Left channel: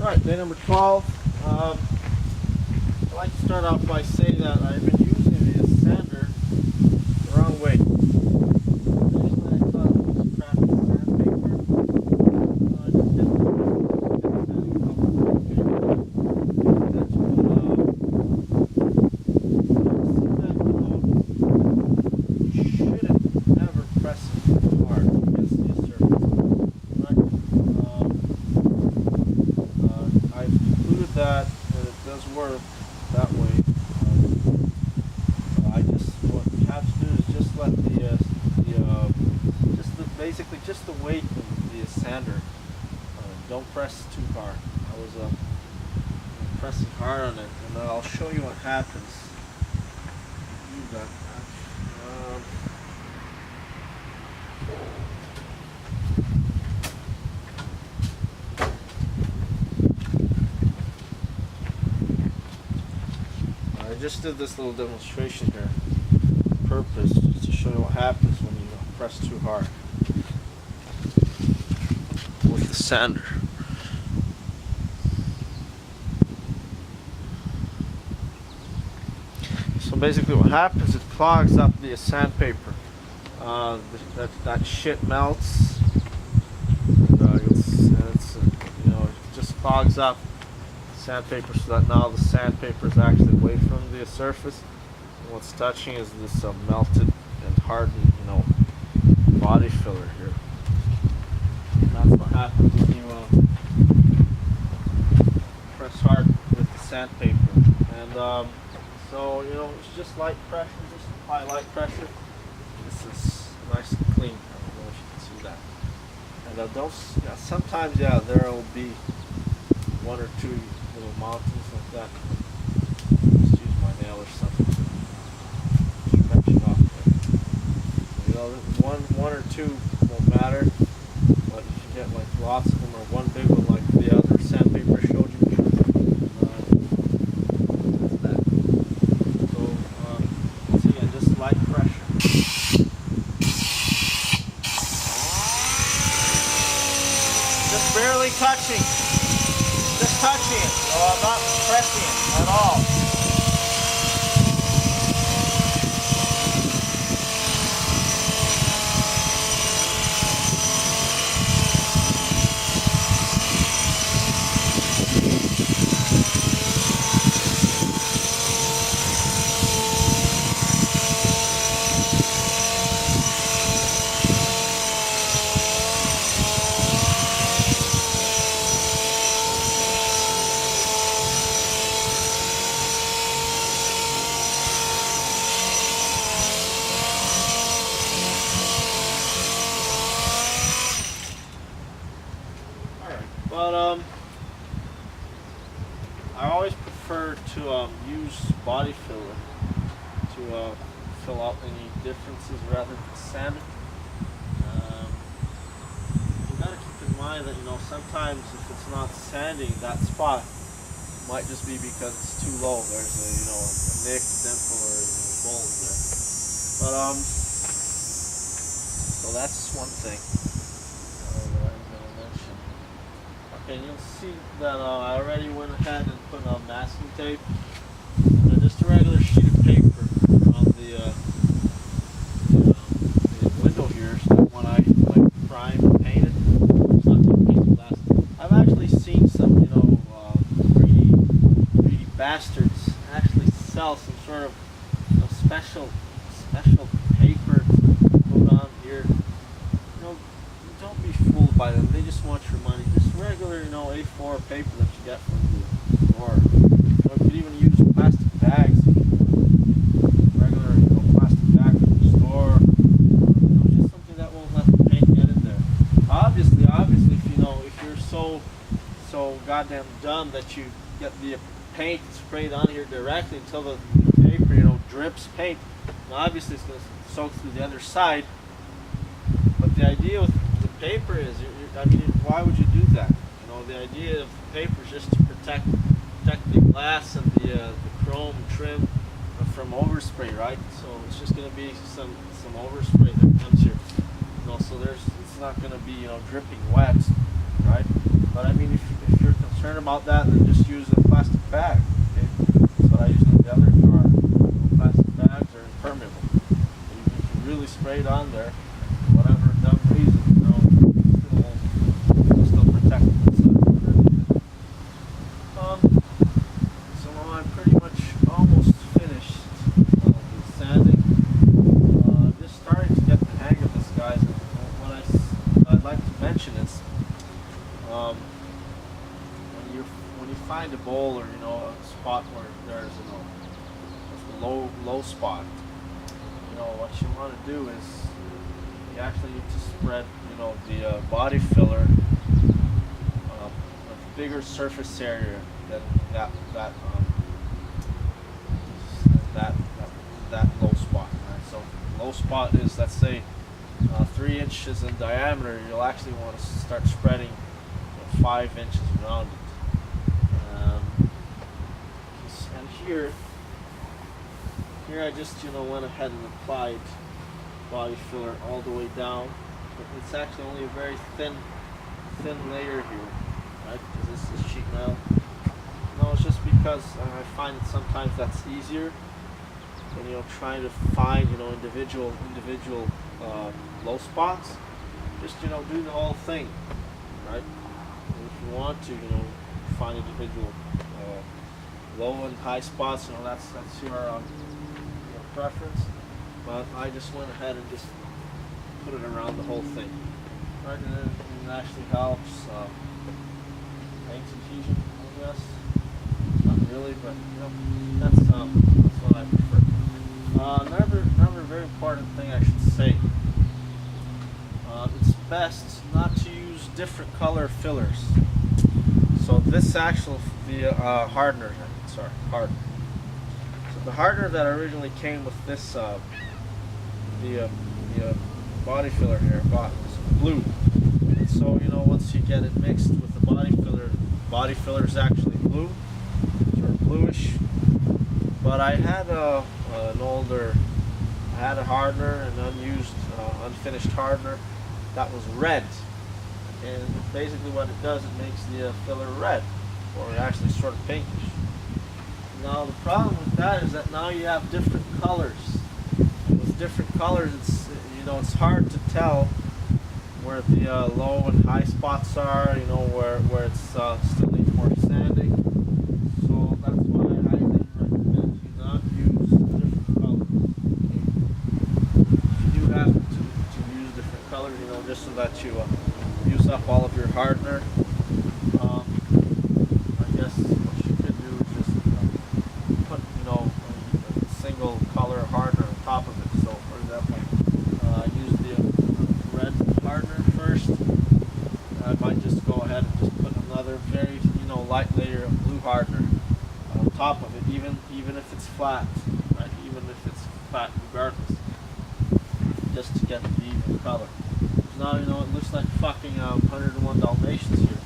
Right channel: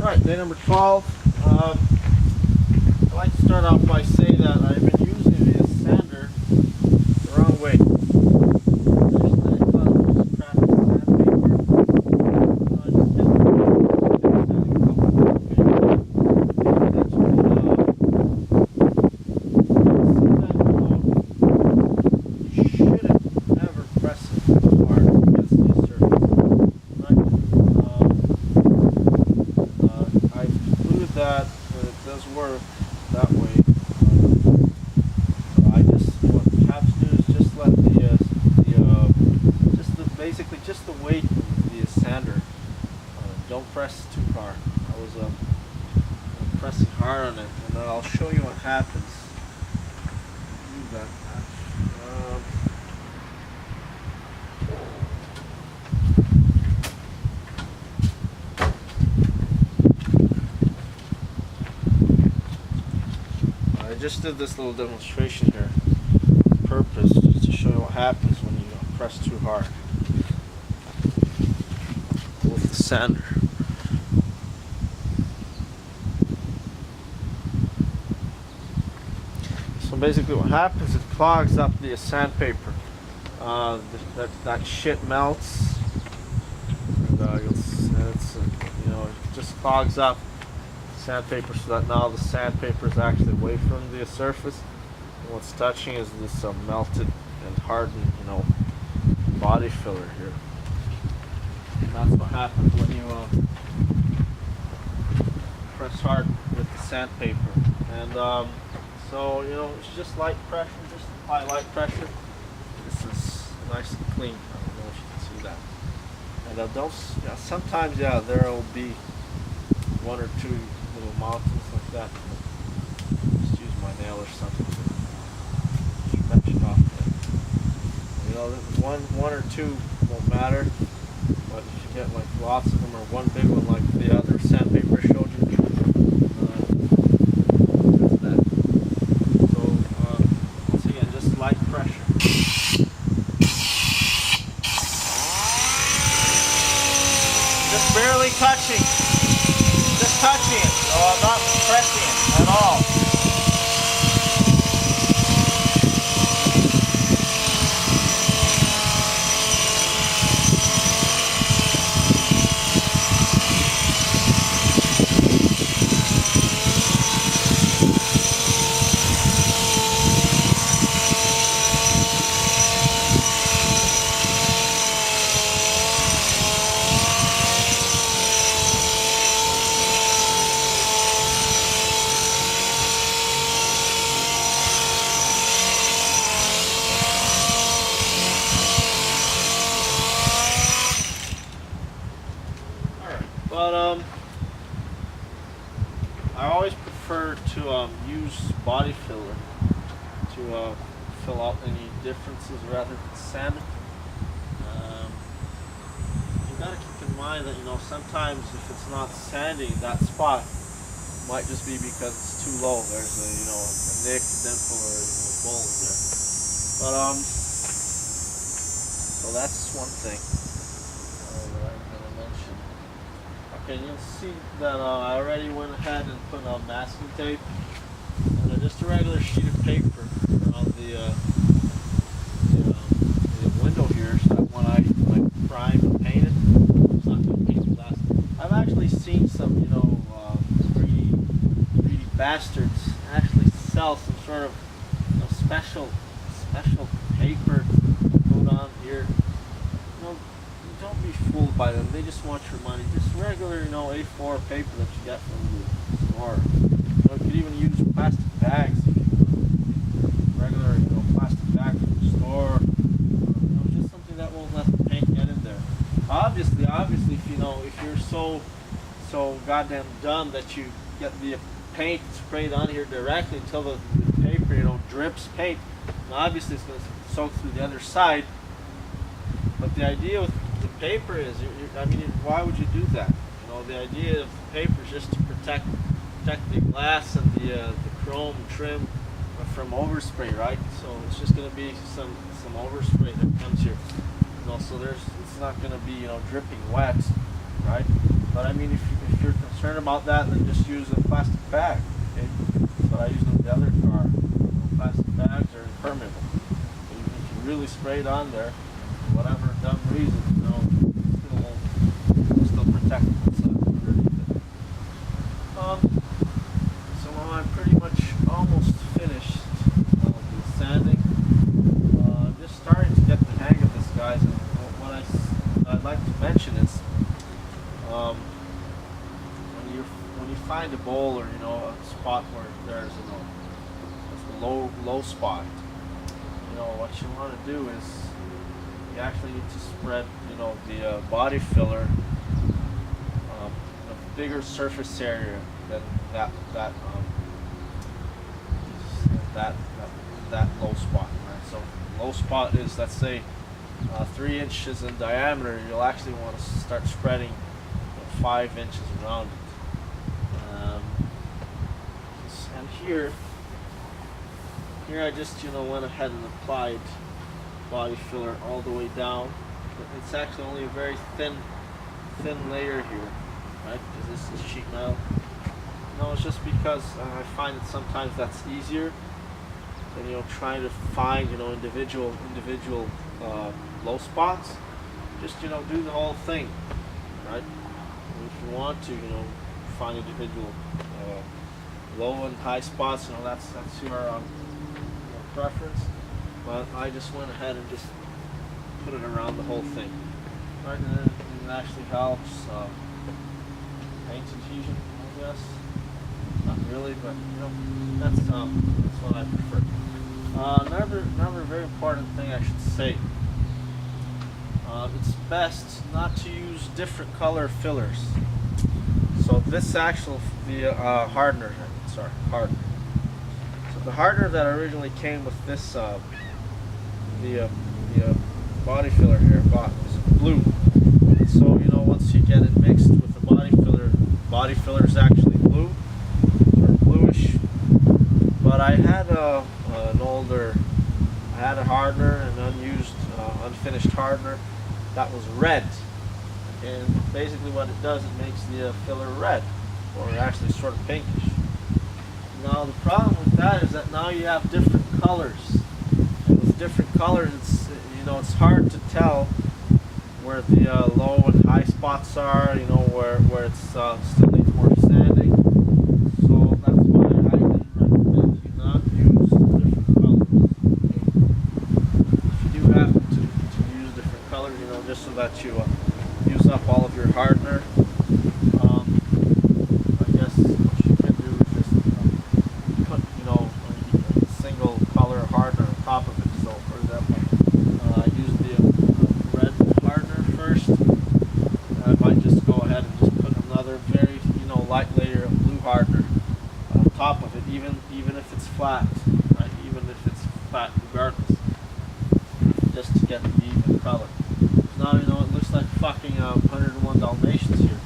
Right, day number 12. I'd like to start off by saying that I've been using the sander the wrong way. Initially I thought it was just crappy sandpaper. I just kept sanding a couple of paper. Paying attention, see that, you shouldn't ever press it hard against the surface. Right? I've concluded that it does work that way. What you have to do is just let basically just the weight of the sander. Don't press too hard. I was pressing hard on it, and I'll show you what happens. Do that. I just did this little demonstration here on purpose, just to show you what happens when you press too hard with the sander. So basically what happens, it clogs up the sandpaper. That shit melts, and it just clogs up sandpaper, so that now the sandpaper is actually away from the surface, and what's touching is this melted and hardened body filler here. And that's what happens when you press hard with the sandpaper. And so it's just light pressure, just apply light pressure. This is nice and clean. I don't know if you can see that. And sometimes there will be one or two little mountains like that. Just use my nail or something to stretch it off. One or two won't matter, but if you get like lots of them or one big one like the other sandpaper showed you, that's that. So once again, just light pressure. Just barely touching. Just touching it, so I'm not pressing it at all. But I always prefer to use body filler to fill out any differences rather than sanding. You gotta keep in mind that sometimes if it's not sanding, that spot might just be because it's too low. There's a nick, dimple, or bulge there. But so that's one thing that I'm gonna mention. Okay, and you'll see that I already went ahead and put masking tape and just a regular sheet of paper on the window here, so that when I prime and paint it, it's not going to paint glass. I've actually seen some 3D bastards actually sell some sort of special paper to put on here. Don't be fooled by them. They just want your money. Just regular, A4 paper that you get from the store. You could even use plastic bags. Regular, plastic bag from the store. Just something that won't let the paint get in there. Obviously, if you're so goddamn dumb that you get the paint sprayed on here directly until the paper, drips paint. Now, obviously, it's going to soak through the other side. But the idea with the paper is, why would you do that? The idea of the paper is just to protect the glass and the chrome trim from overspray, right? So it's just going to be some overspray that comes here. So it's not going to be dripping wet, right? But I mean, if you're concerned about that, then just use a plastic bag. Okay, that's what I used on the other car. Plastic bags are impermeable. Even if you really spray it on there, for whatever dumb reason, it'll still protect what's underneath it. So I'm pretty much almost finished with sanding. I'm just starting to get the hang of this, guys. And what I'd like to mention is, when you find a bowl or a spot where there's a low spot, what you want to do is you actually need to spread the body filler a bigger surface area than that low spot. Right? So low spot is, let's say, 3 inches in diameter. You'll actually want to start spreading 5 inches around it. And here I just went ahead and applied body filler all the way down. It's actually only a very thin layer here, right? Because this is sheet metal. No, it's just because I find that sometimes that's easier than trying to find individual low spots. Just do the whole thing, right? If you want to find individual low and high spots, that's your preference. But I just went ahead and just put it around the whole thing, right? And it actually helps paint adhesion, I guess. Not really, but that's what I prefer. Another very important thing I should say. It's best not to use different color fillers. So this hardener. So the hardener that originally came with this the body filler here is blue. And so once you get it mixed with the body filler is actually blue, sort of bluish. But I had a hardener, an unfinished hardener that was red. And basically what it does, it makes the filler red, or actually sort of pinkish. Now the problem with that is that now you have different colors. And with different colors, it's hard to tell where the low and high spots are, where it's still needs more sanding. So that's why I highly recommend you not use different colors. Okay? If you do happen to use different colors, just so that you use up all of your hardener, I guess what you could do is just put a single color hardener on top of it. So for example, I use the red hardener first. I might just go ahead and just put another very light layer of blue hardener on top of it, even if it's flat, right? Even if it's flat regardless, just to get the even color. Now it looks like fucking 101 Dalmatians here.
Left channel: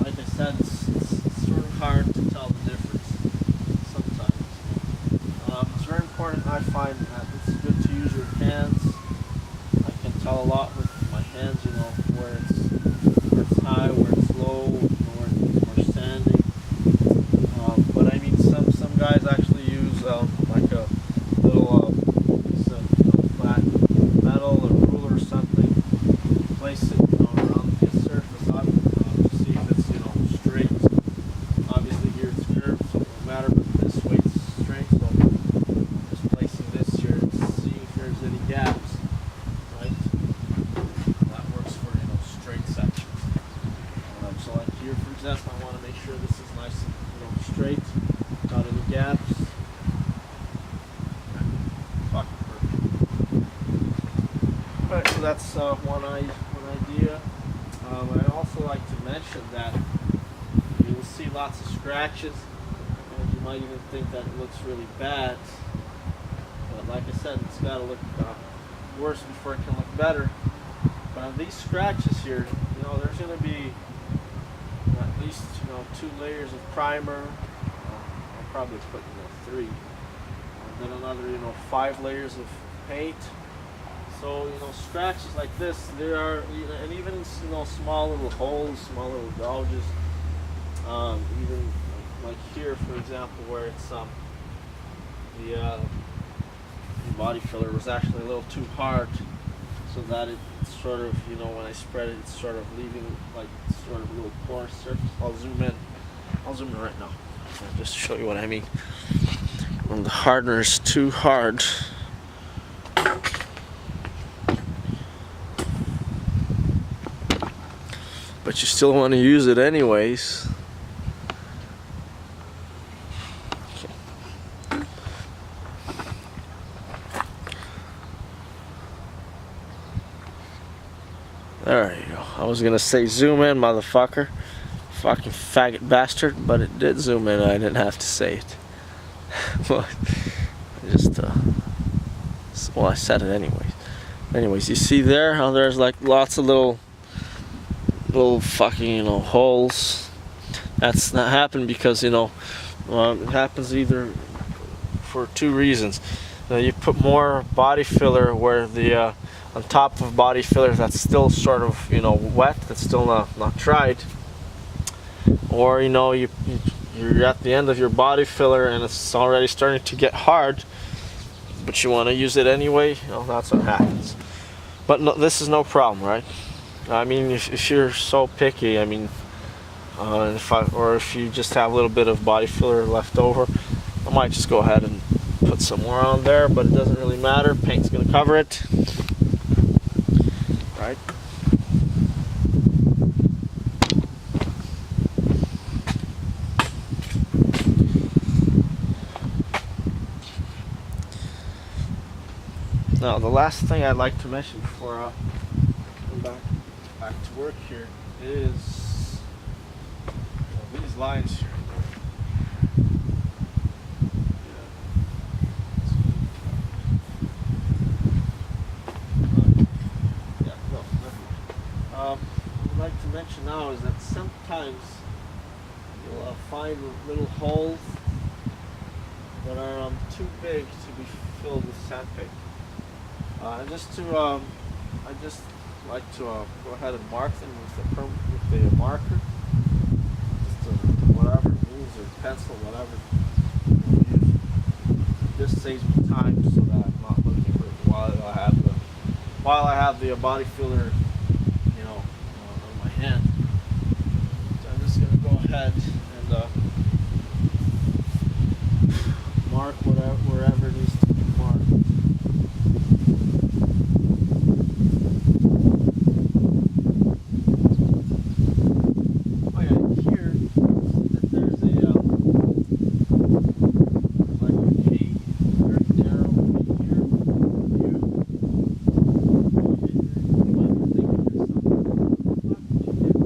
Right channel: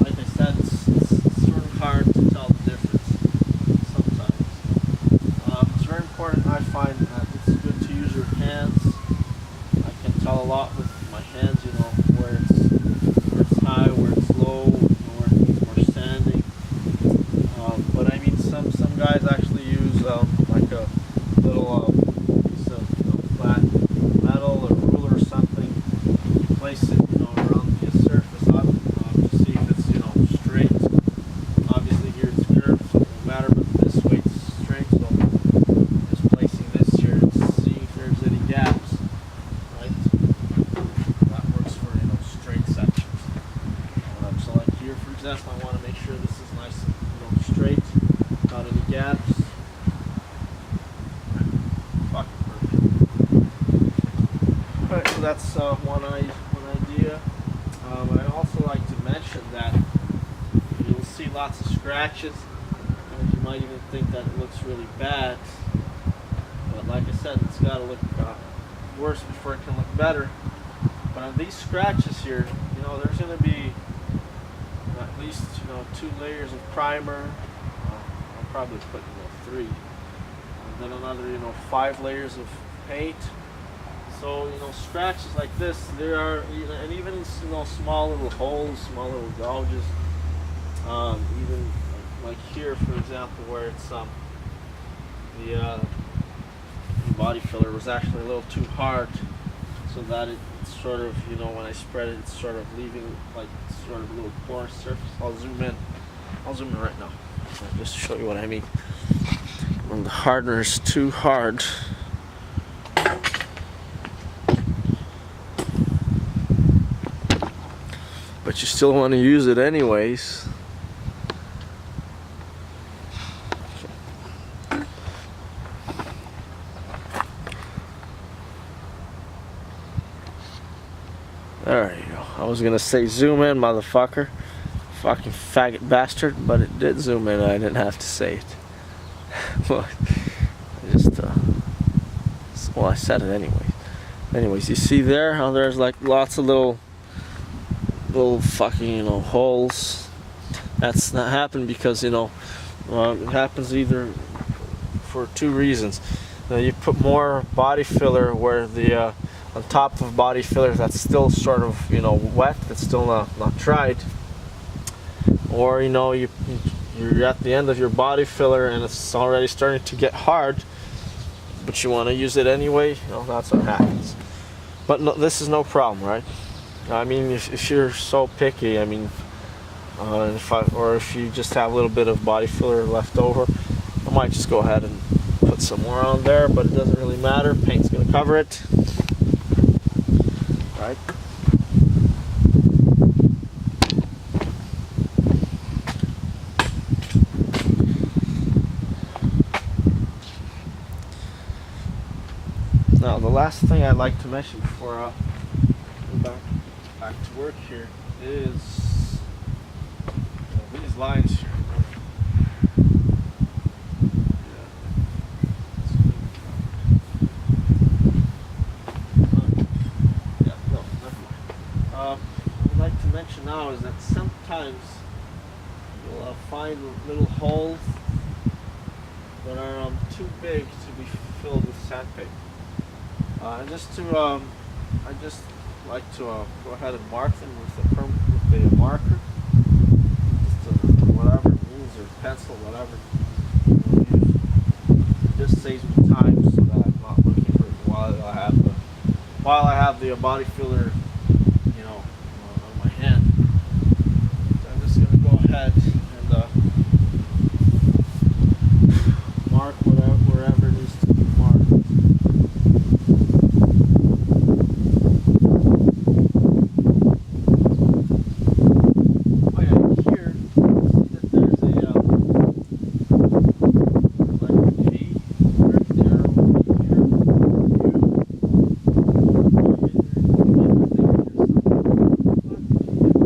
Like I said, it's sort of hard to tell the difference sometimes. It's very important, I find, that it's good to use your hands. I can tell a lot with my hands, where it's high, where it's low, where it needs more sanding. But I mean, some guys actually use like a little piece of flat metal or ruler or something. You place it around the surface to see if it's straight. Obviously here it's curved, so it won't matter, but this way it's straight. So just placing this here and seeing if there's any gaps, right? That works for straight sections. So like here, for example, I want to make sure this is nice and straight, without any gaps. Fucking perfect. Alright, so that's one idea. I'd also like to mention that you'll see lots of scratches, and you might even think that it looks really bad. But like I said, it's got to look worse before it can look better. But on these scratches here, there's going to be at least 2 layers of primer. I'll probably put 3, and then another 5 layers of paint. So scratches like this, there are, and even in small little holes, small little gouges. Even like here, for example, where it's the body filler was actually a little too hard, so that it's sort of, when I spread it, it's sort of leaving like sort of a little porous surface. I'll zoom in. Right now, just to show you what I mean. When the hardener is too hard, but you still want to use it anyways. There you go. I was gonna say zoom in, motherfucker. Fucking faggot bastard, but it did zoom in. I didn't have to say it. Well, I just well, I said it anyways. Anyways, you see there how there's like lots of little fucking holes. That's not happened because it happens either for two reasons. You put more body filler where the on top of body filler that's still sort of wet, that's still not dried, or you're at the end of your body filler and it's already starting to get hard, but you want to use it anyway. That's what happens. But no, this is no problem, right? I mean, if you're so picky, I mean, if you just have a little bit of body filler left over, I might just go ahead and put some more on there, but it doesn't really matter. Paint's gonna cover it. Right. Now, the last thing I'd like to mention before going back to work here is these lines here. What I'd like to mention now is that sometimes you'll find little holes that are too big to be filled with sandpaper. I just like to go ahead and mark them with the marker, just whatever it means, or pencil, whatever you want to use. It just saves me time so that I'm not looking for it while I have the body filler on my hand. So I'm just going to go ahead and mark wherever needs to be marked. Oh yeah, here you see that there's a like a V, very narrow V here. You might be thinking to yourself, what did you get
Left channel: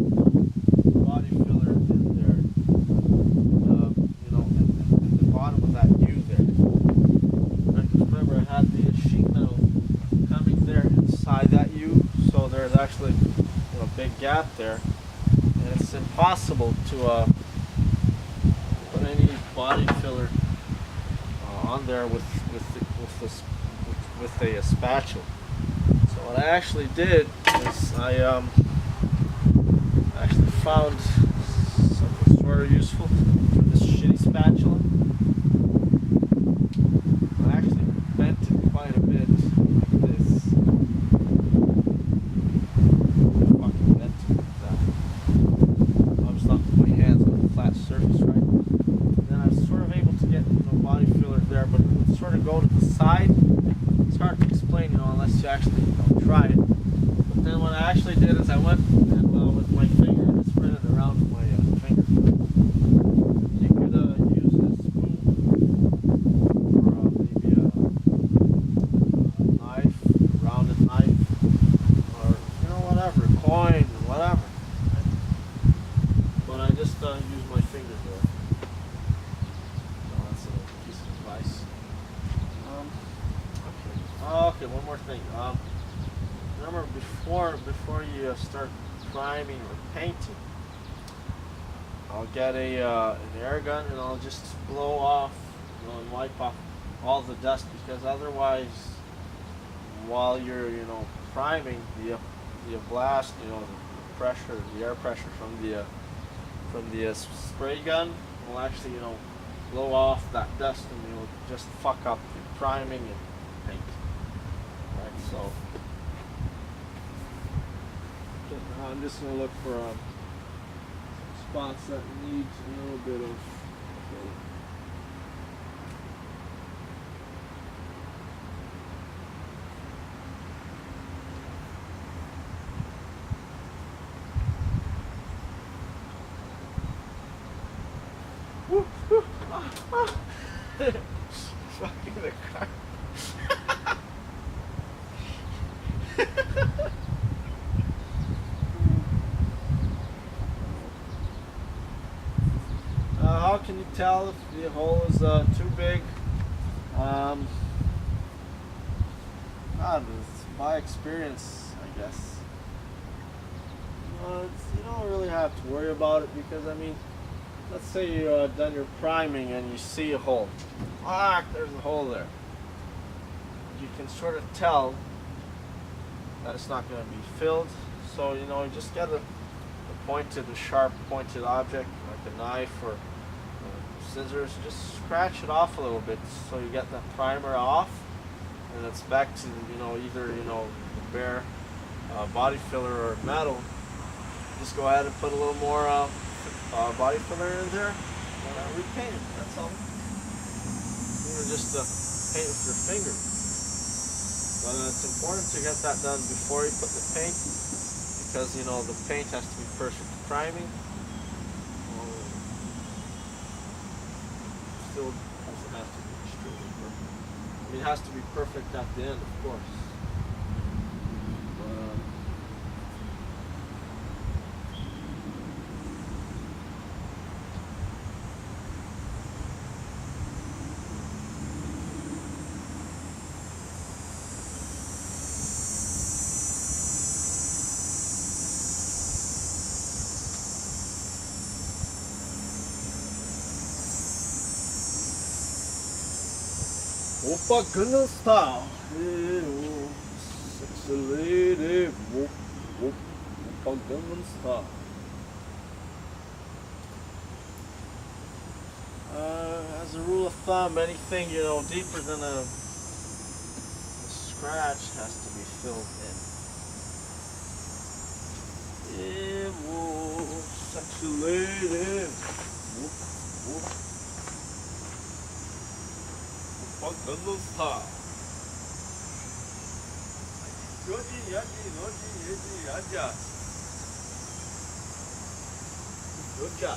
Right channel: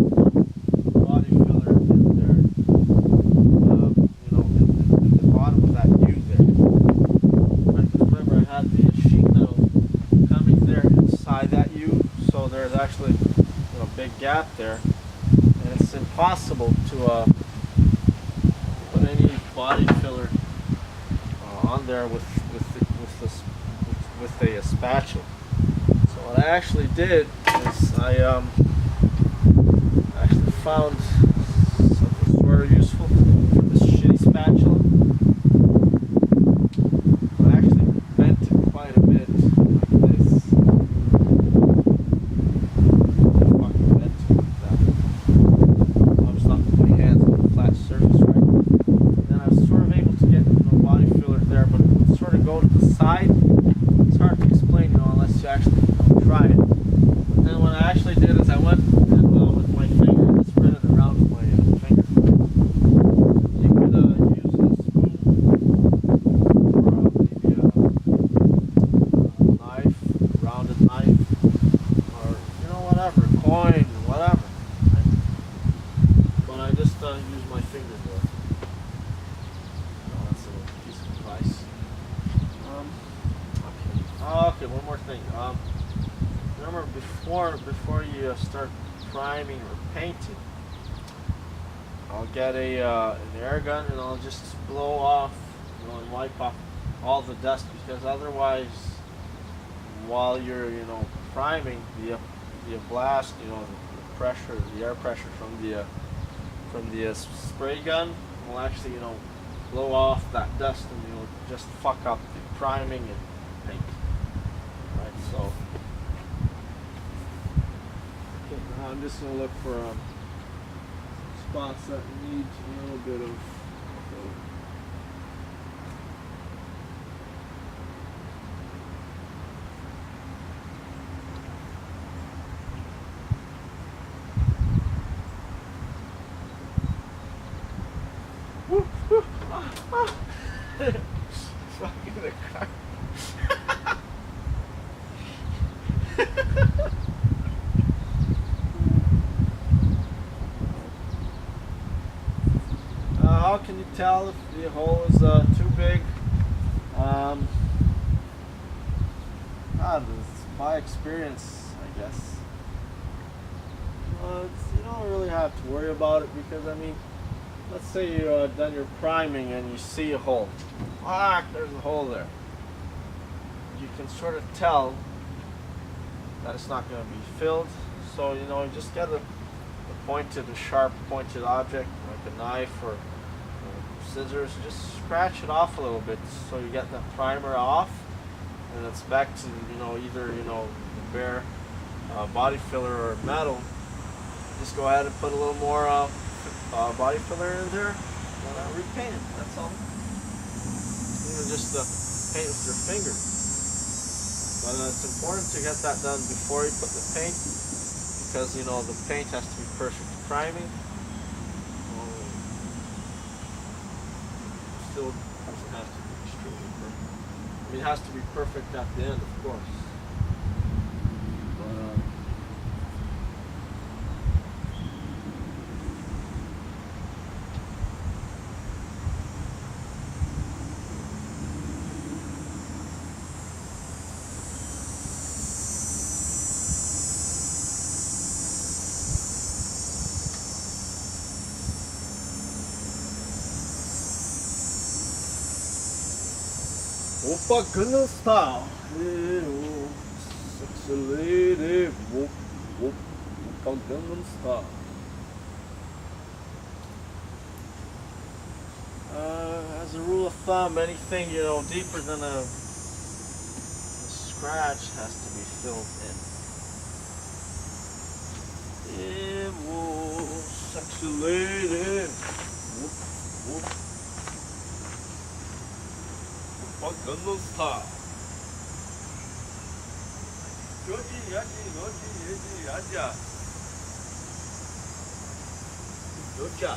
body filler in there? In the bottom of that U there. Right? Because remember, I had the sheet metal coming there inside that U, so there's actually a big gap there, and it's impossible to put any body filler on there with a spatula. So what I actually did is I actually found something sort of useful for this shitty spatula. I actually bent it quite a bit like this. I fucking bent it like that. I was not with my hands on a flat surface, right? And then I was sort of able to get body filler there, but it would sort of go to the side. It's hard to explain, unless you actually try it. But then what I actually did is I went and with my finger and spread it around with my finger. You could use a spoon or maybe a knife, a rounded knife, or whatever, coin, whatever. Right? But I just use my finger there. So that's a little piece of advice. Okay, one more thing. Remember, before you start priming or painting, I'll get an air gun and I'll just blow off, and wipe off all the dust, because otherwise, while you're, priming, the blast, the pressure, the air pressure from the spray gun will actually, blow off that dust, and you'll just fuck up the priming and paint. Right, so okay, now I'm just gonna look for spots that need a little bit of woo, woo, fucking the car. How can you tell if the hole is too big? It's my experience, I guess. You don't really have to worry about it because, I mean, let's say you've done your priming and you see a hole. There's a hole there. You can sort of tell that it's not going to be filled. So, you just get a sharp pointed object, like a knife or scissors, just scratch it off a little bit so you get that primer off, and it's back to, either, the bare body filler or metal. Just go ahead and put a little more body filler in there and repaint it. That's all. Just paint with your finger. But it's important to get that done before you put the paint, because the paint has to be perfect priming. Still doesn't have to be extremely perfect. I mean, it has to be perfect at the end, of course. Oppa Gangnam Style. Hey, oh, sexy lady. Whoop, whoop. Oppa Gangnam Style. As a rule of thumb, anything deeper than a scratch has to be filled in. Yeah, whoa, sexy lady. Whoop, whoop. Gangnam Style. Yoji, yaji, noji, yeji, yaja. Yoja.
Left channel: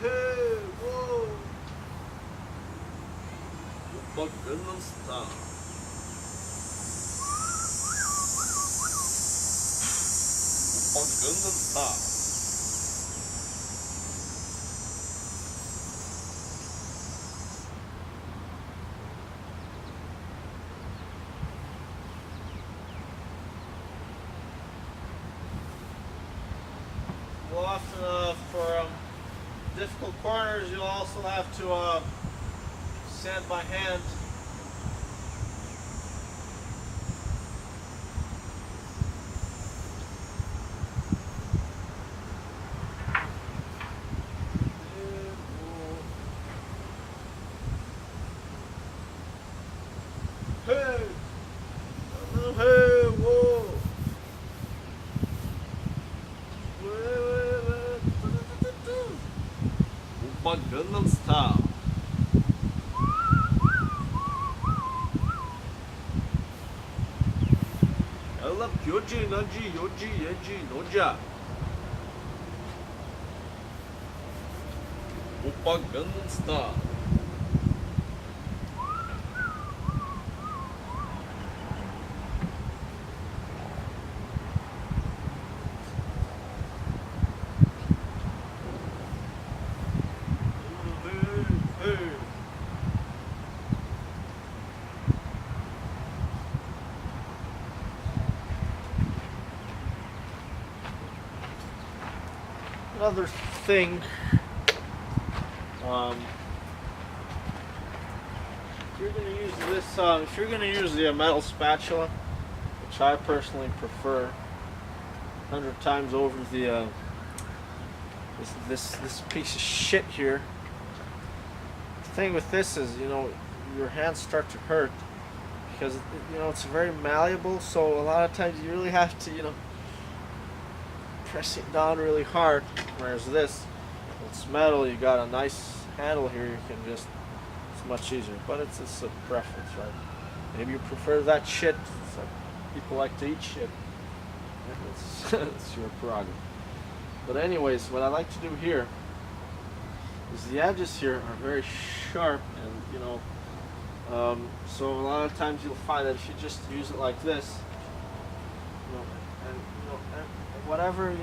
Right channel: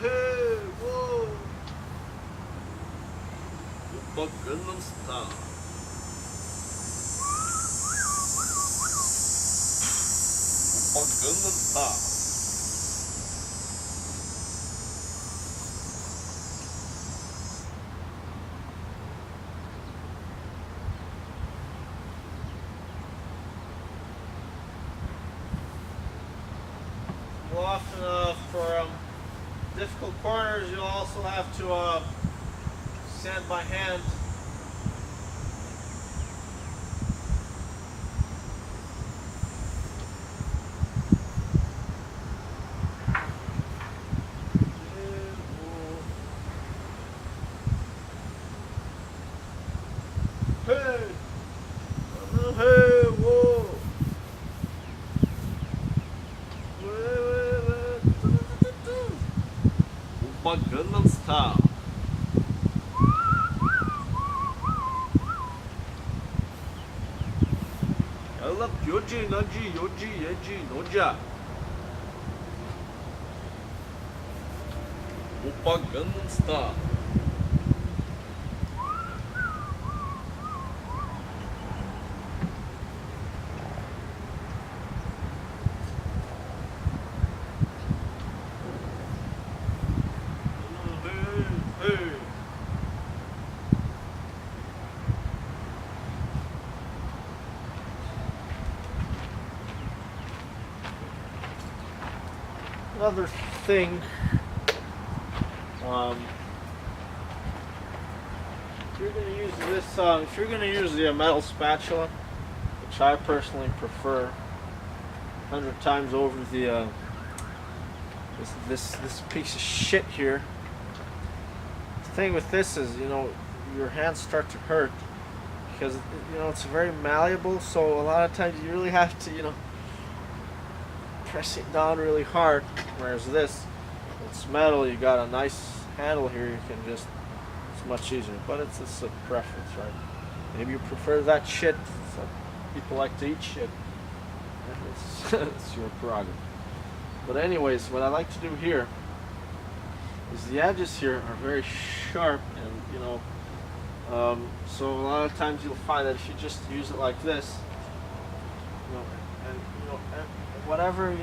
Hey, whoa. Oppa Gangnam Style. Oppa Gangnam Style. Often for difficult corners, you'll also have to sand by hand. Hey, hey, whoa. Oppa Gangnam Style. Ella yoji, naji, yoji, yeji, noja. Oppa Gangnam Style. Hey. Another thing, you're gonna use this, if you're gonna use the metal spatula, which I personally prefer 100 times over the this piece of shit here. The thing with this is, your hands start to hurt because it's very malleable. So a lot of times you really have to, press it down really hard. Whereas this, it's metal. You got a nice handle here. You can just, it's much easier. But it's a preference, right? Maybe you prefer that shit. So people like to eat shit. It's your prerogative. But anyways, what I like to do here is the edges here are very sharp, and so a lot of times you'll find that if you just use it like this, and whatever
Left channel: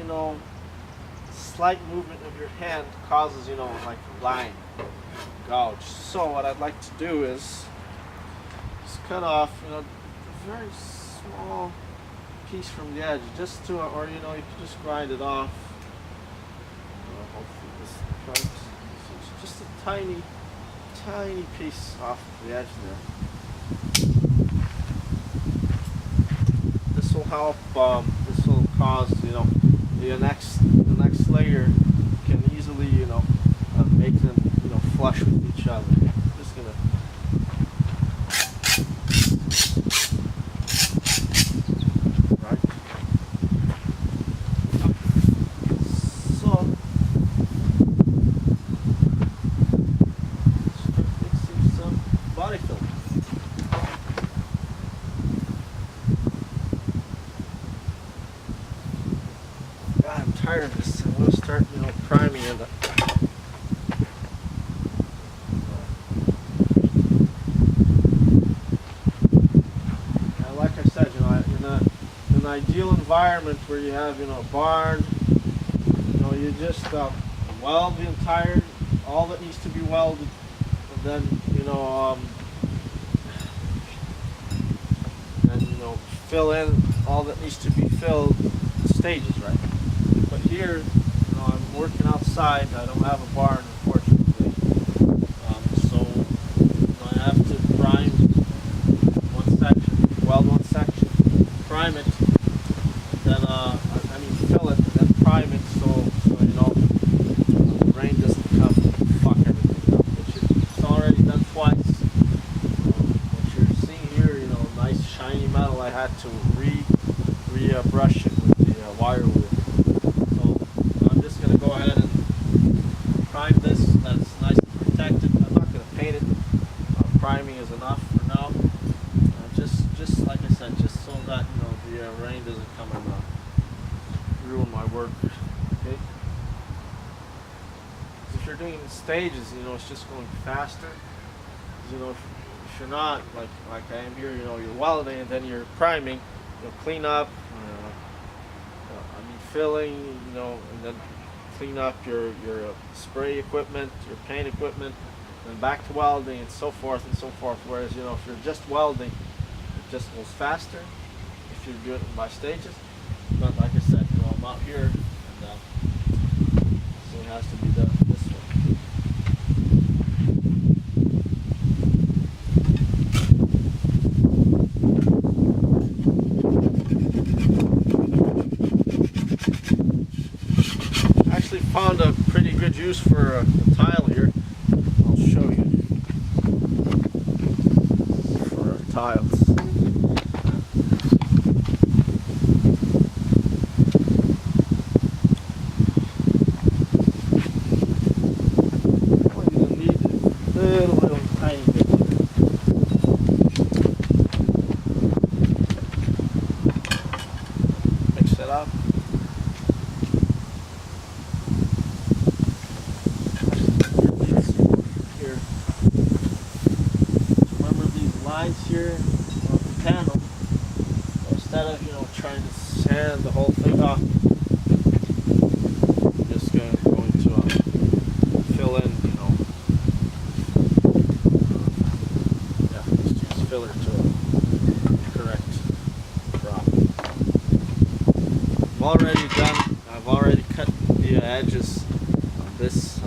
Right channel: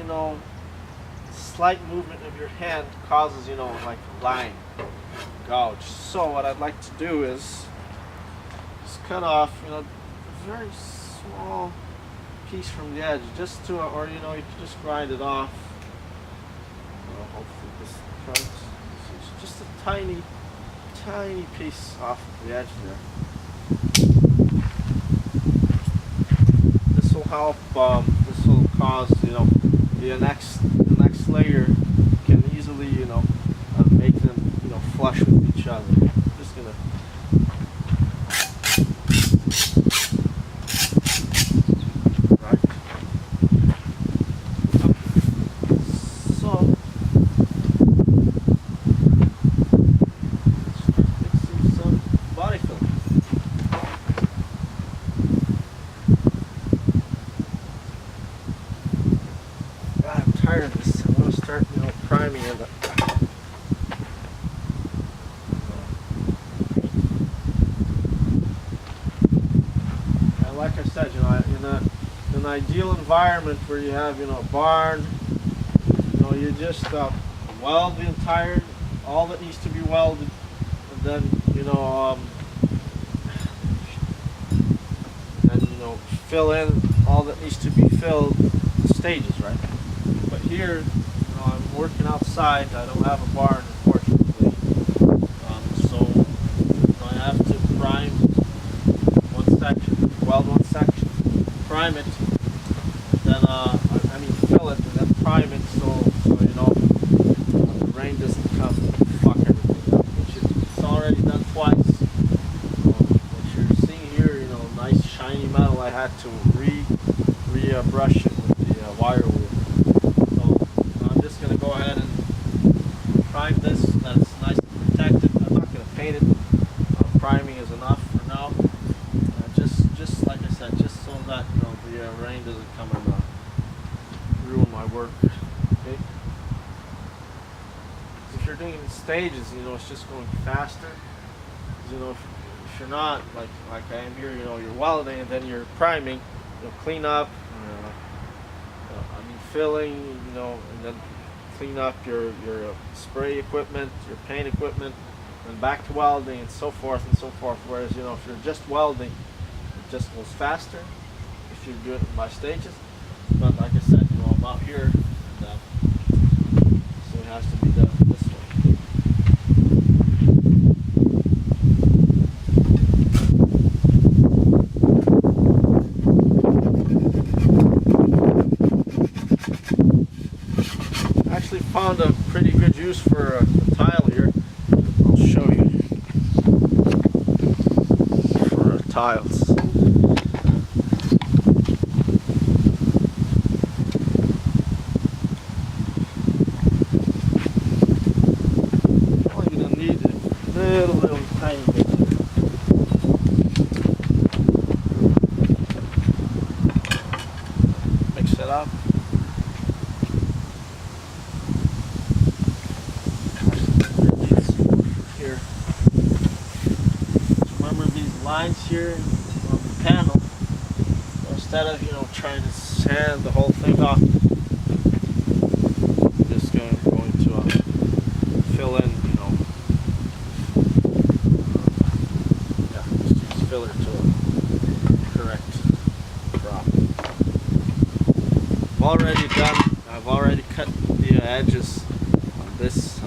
slight movement of your hand causes like a line, gouge. So what I'd like to do is just cut off a very small piece from the edge, just to, or you can just grind it off. Hopefully this comes. It's just a tiny piece off the edge there. This will help. This will cause the next layer can easily make them flush with each other. I'm just gonna. Right. So. Body film. God, I'm tired of this. I want to start, priming it. Like I said, in an ideal environment where you have, a barn, you just weld the entire, all that needs to be welded. And then fill in all that needs to be filled stages, right? But here, I'm working outside. I don't have a barn, unfortunately. So I have to prime one section, weld one section, prime it, and then fill it and then prime it so the rain doesn't come and fuck everything up. It's already done twice. What you're seeing here, nice shiny metal, I had to brush it with the wire wheel. So I'm just going to go ahead and prime this. That's nice and protected. I'm not going to paint it. Priming is enough for now. Just like I said, just so that the rain doesn't come and ruin my work. Okay. If you're doing it in stages, it's just going faster. If you're not like I am here, you're welding and then you're priming, clean up, filling, and then clean up your spray equipment, your paint equipment, and back to welding and so forth and so forth. Whereas if you're just welding, it just goes faster if you do it by stages. But like I said, I'm out here, and so it has to be done this way. I actually found a pretty good use for a tile here. I'll show you. For tiles. Only gonna need a little tiny bit. Mix it up. Here. Remember these lines here on the panel. So instead of trying to sand the whole thing off, I'm just going to fill in just use filler to correct drop. I've already cut the edges on this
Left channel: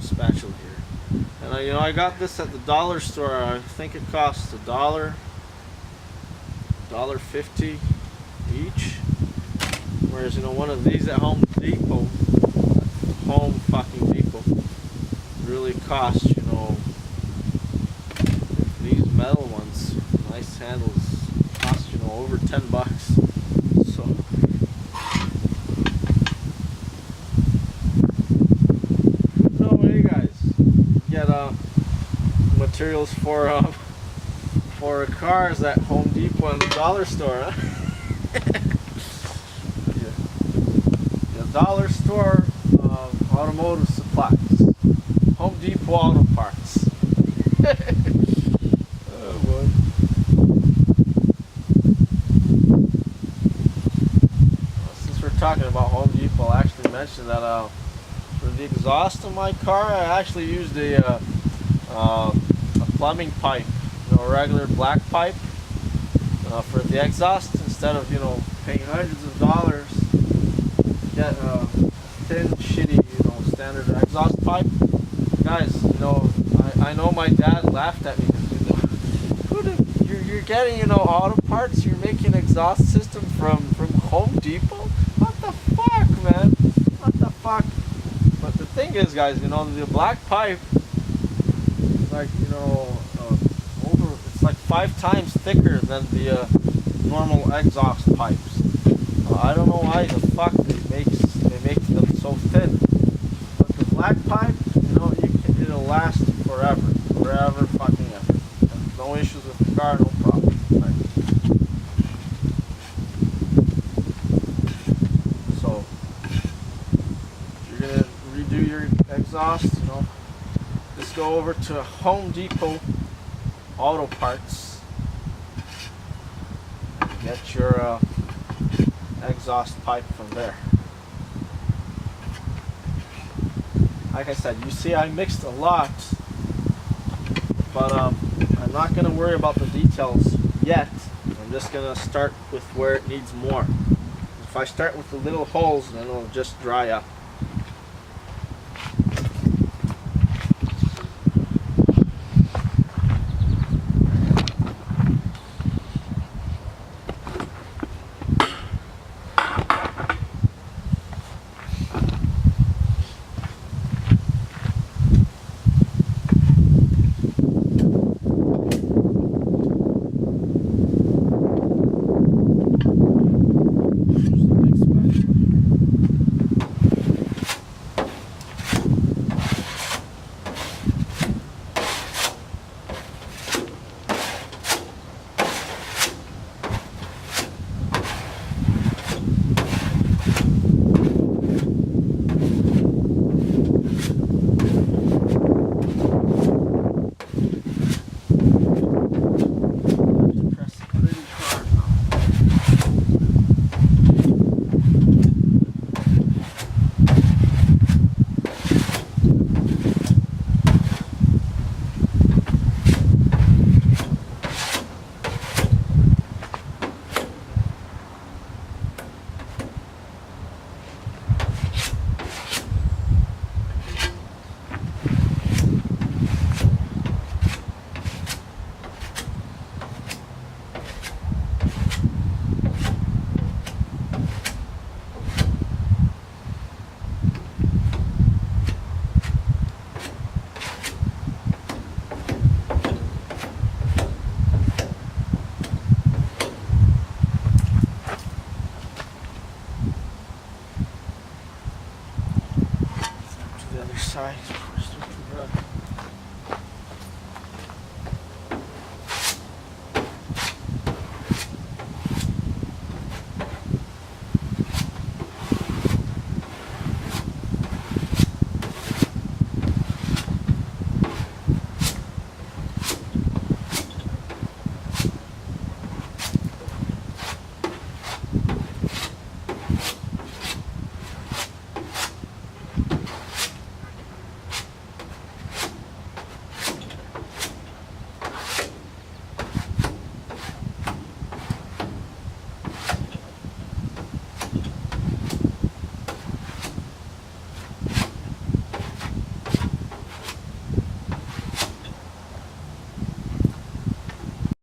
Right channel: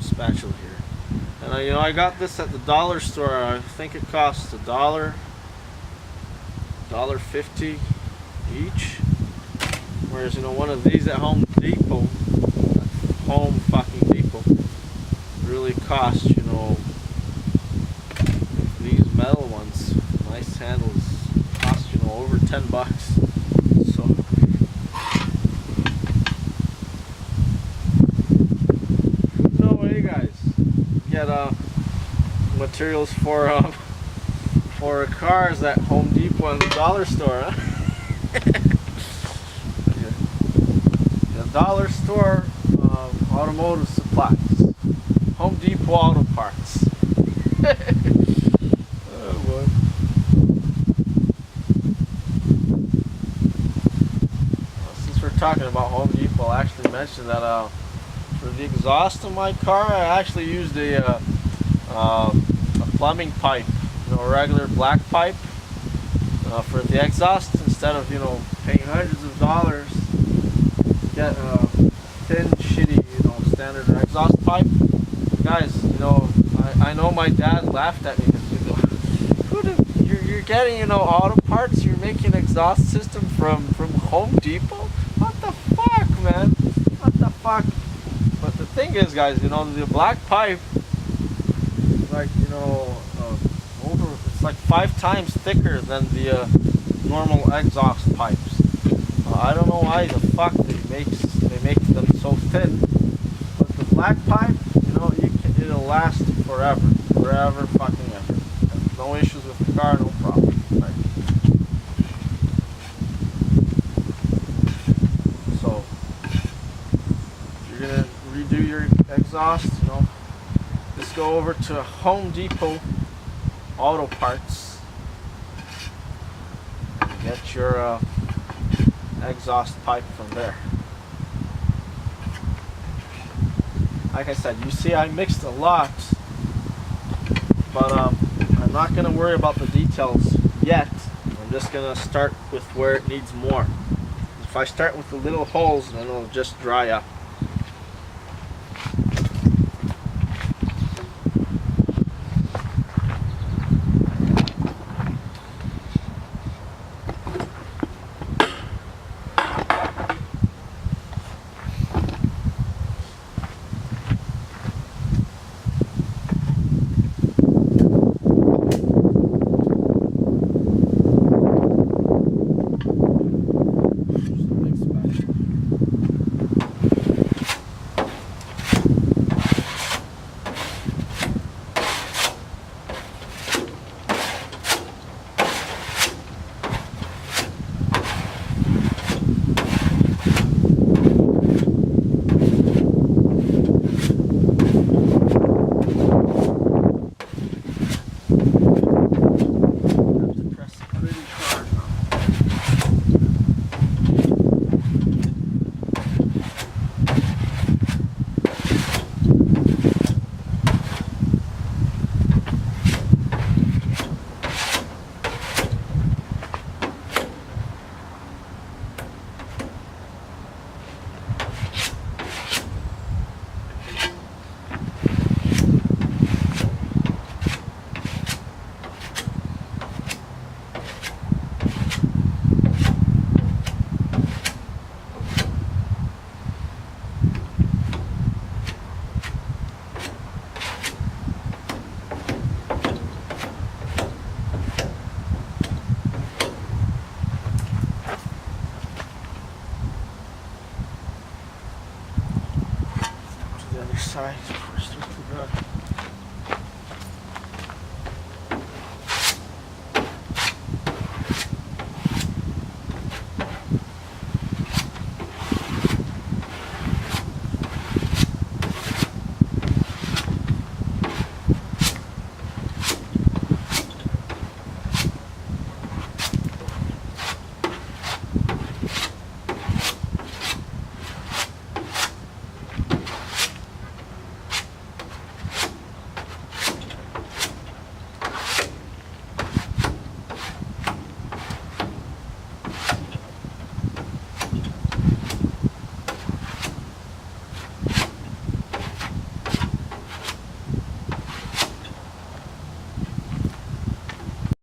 spatula here. And I got this at the dollar store. I think it costs $1.50 each. Whereas one of these at Home Depot, really costs these metal ones, nice handles, cost over $10. So no way, guys. Get materials for cars at Home Depot and the dollar store. Huh? The dollar store automotive supplies, Home Depot auto parts. Oh boy. Since we're talking about Home Depot, I actually mentioned that for the exhaust of my car, I actually used a plumbing pipe, a regular black pipe for the exhaust, instead of paying hundreds of dollars to get a thin, shitty, standard exhaust pipe. Guys, I know my dad laughed at me because you're getting auto parts, you're making exhaust system from Home Depot. What the fuck, man? What the fuck? But the thing is, guys, the black pipe is like it's like 5 times thicker than the normal exhaust pipes. I don't know why the fuck they make them so thin. But the black pipe, it'll last forever fucking ever. And no issues with the car, no problem. Right? So if you're gonna redo your exhaust, just go over to Home Depot Auto Parts and get your exhaust pipe from there. Like I said, you see I mixed a lot, but I'm not going to worry about the details yet. I'm just going to start with where it needs more. If I start with the little holes, then it'll just dry up. Side first with the rug.